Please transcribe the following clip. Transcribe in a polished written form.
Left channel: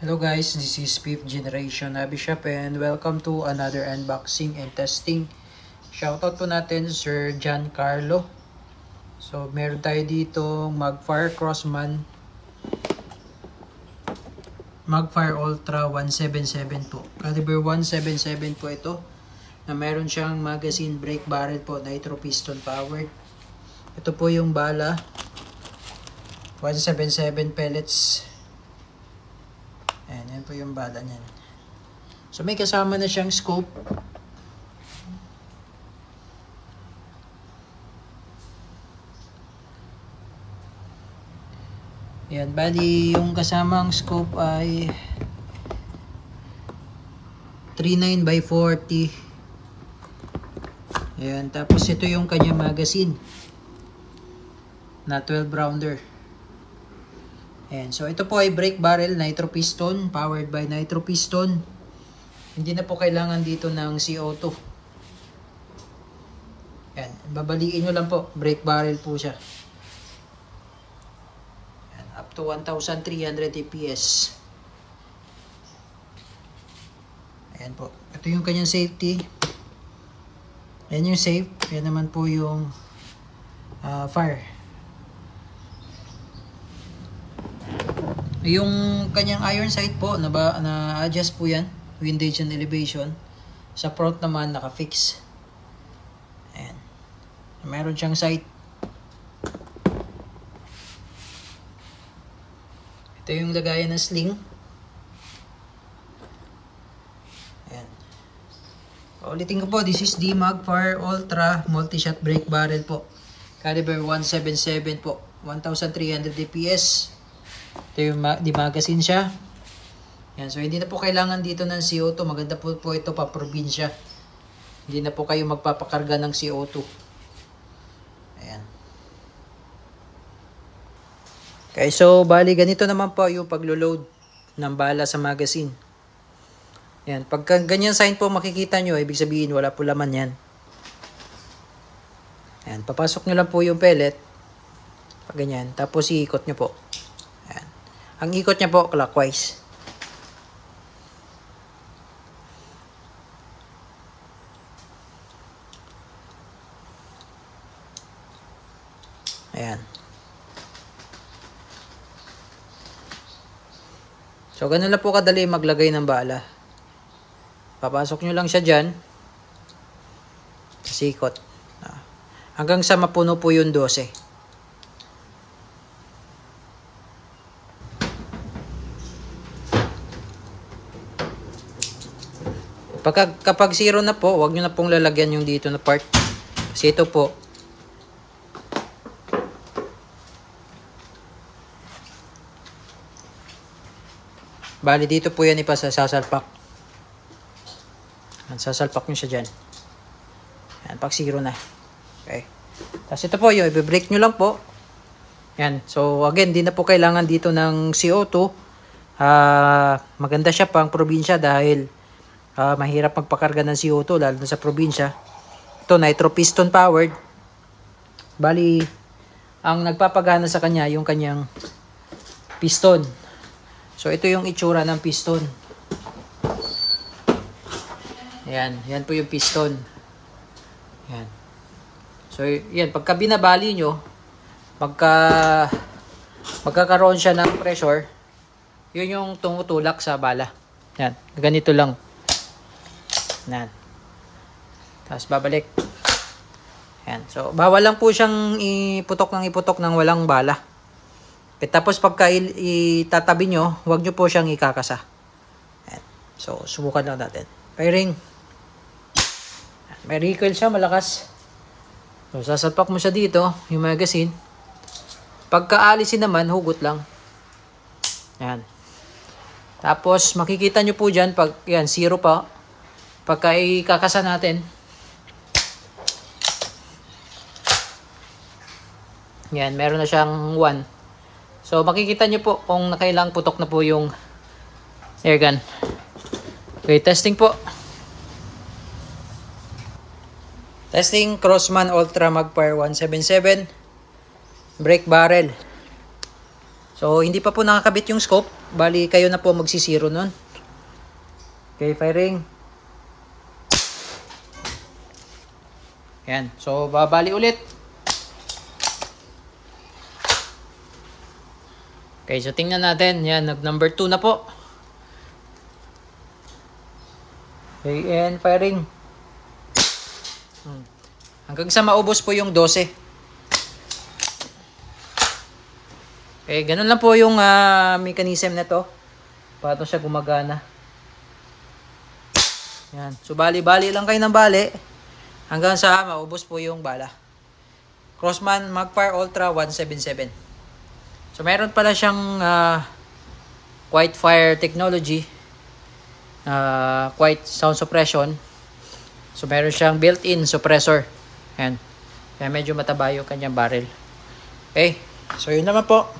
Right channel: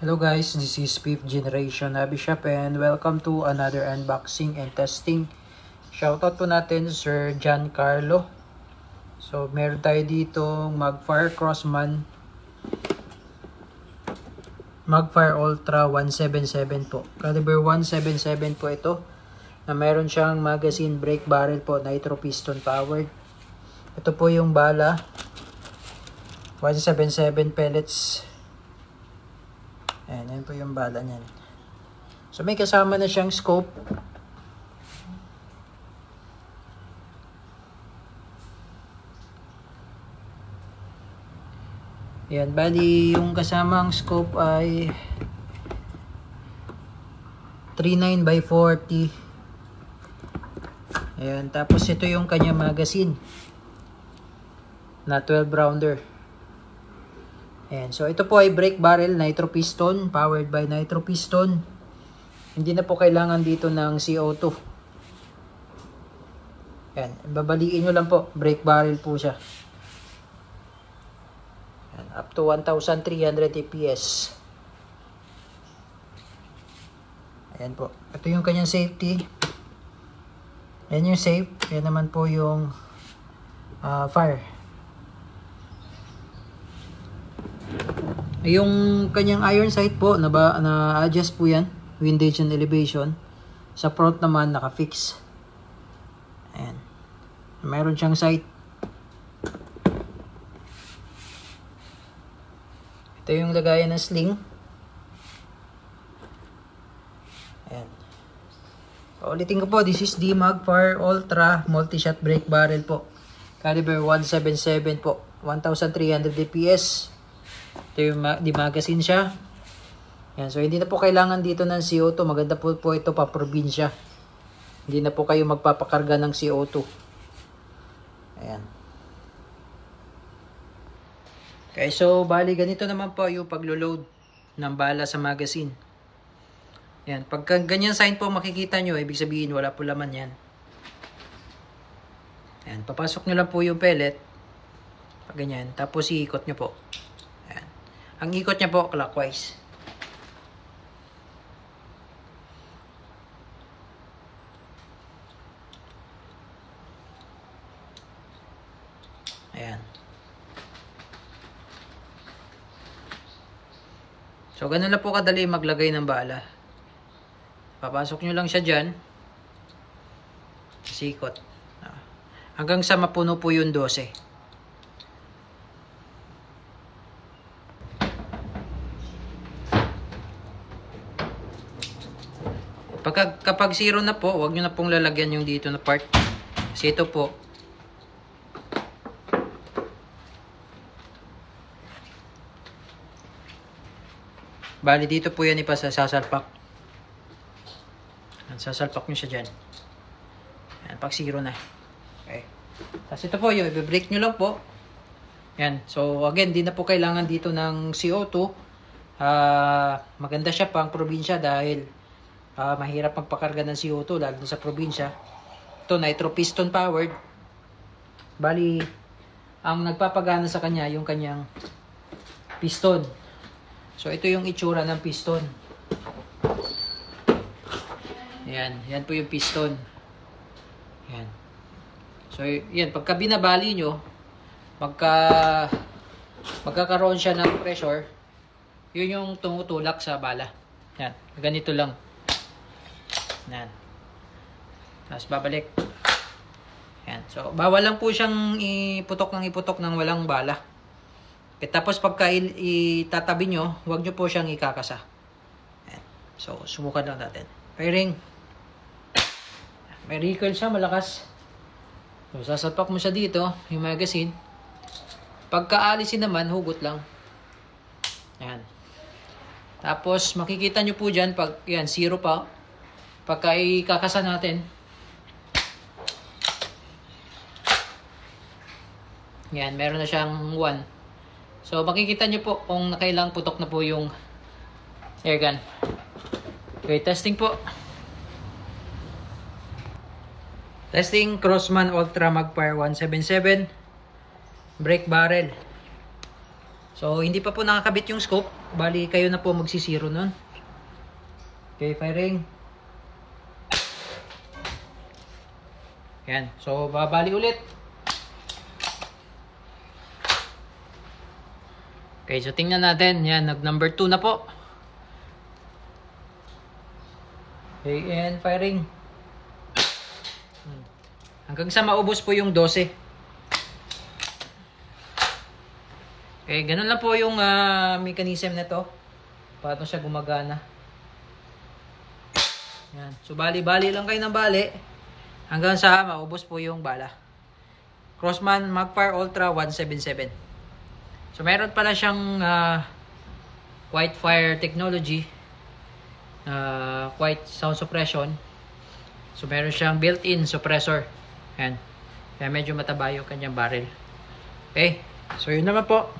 Hello guys, this is 5th Generation Hobby Shop and welcome to another unboxing and testing. Shoutout po natin Sir Giancarlo. So meron tayo dito Magfire Crossman Magfire Ultra 177 po. Caliber 177 po ito. Na meron siyang magazine brake barrel po, nitro piston powered. Ito po yung bala. 177 pellets. Ayan po yung bala niyan. So may kasama na siyang scope. Ayan, bali yung kasamang scope ay 39 by 40. Ayan, tapos ito yung kanya magazine na 12 rounder. Ayan, so ito po ay brake barrel nitro piston, powered by nitro piston. Hindi na po kailangan dito ng CO2. Ayan, babaliin nyo lang po, brake barrel po siya. Ayan, up to 1,300 APS. Ayan po, ito yung kanyang safety. Ayan yung safe, ayan naman po yung fire. Yung kanyang iron sight po, na-adjust po yan, windage and elevation. Sa front naman, naka-fix. Ayan. Meron siyang sight. Ito yung lagayan ng sling. Ayan. Ulitin ko po, this is the Magfire Ultra Multi-Shot Brake Barrel po. Caliber 177 po. 1,300 DPS. Ito yung di magazine siya. Yan, so hindi na po kailangan dito ng CO2. Maganda po ito pa probinsya. Hindi na po kayo magpapakarga ng CO2. Ayan. Okay, so bali ganito naman po yung paglo-load ng bala sa magazine. Yan, pagka ganyan sign po makikita nyo, ibig sabihin wala po laman yan. Yan, papasok nyo lang po yung pellet. Pag ganyan, tapos iikot nyo po. Ang ikot niya po clockwise. Ayan. So ganun lang po kadali maglagay ng bala. Papasok nyo lang siya dyan. Sikot. Hanggang sa mapuno po yung 12. Kapag 0 na po, huwag nyo na pong lalagyan yung dito na part. Kasi ito po, bali dito po yan ipasasalpak. Sasalpak nyo siya dyan. Yan, pag 0 na. Okay. Kasi ito po, yung i-break nyo lang po. Yan. So again, di na po kailangan dito ng CO2. Maganda siya pang probinsya dahil mahirap magpakarga ng CO2 lalo na sa probinsya. Ito nitro piston powered. Bali ang nagpapagana sa kanya yung kanyang piston. So ito yung itsura ng piston. Yan po yung piston. Yan. So yan, pagka binabali nyo, magkakaroon siya ng pressure, yun yung tumutulak sa bala. Yan, ganito lang. Yan. Tapos babalik. Yan. So, bawal lang po siyang iputok ng walang bala. Tapos pagka itatabi nyo, huwag nyo po siyang ikakasa. Yan. So, subukan lang natin. Firing. May recoil siya, malakas. So, sasalpak mo siya dito, yung magazine. Pagka alisin naman, hugot lang. Yan. Tapos, makikita nyo po dyan, pag yan, 0 pa. Pagka ikakasa natin, yan, meron na siyang 1. So makikita nyo po kung nakailang putok na po yung air gun. Okay, testing po. Testing Crossman Ultra Magfire 177 brake barrel. So, hindi pa po nakakabit yung scope. Bali, kayo na po magsisiro nun. Okay, firing. Yan. So, babali ulit. Okay, so tingnan natin. Yan, nag-number 2 na po. Okay, and firing. Hanggang sa maubos po yung 12. Okay, ganun lang po yung mechanism na to. Paano siya gumagana. Yan. So, bali-bali lang kayo ng bali. Hanggang sa maubos po yung bala. Crossman Magfire Ultra 177. So, meron pala siyang quiet fire technology. Quiet sound suppression. So, meron siyang built-in suppressor. Yan. Kaya medyo mataba yung kanyang barrel. Okay. So, yun naman po.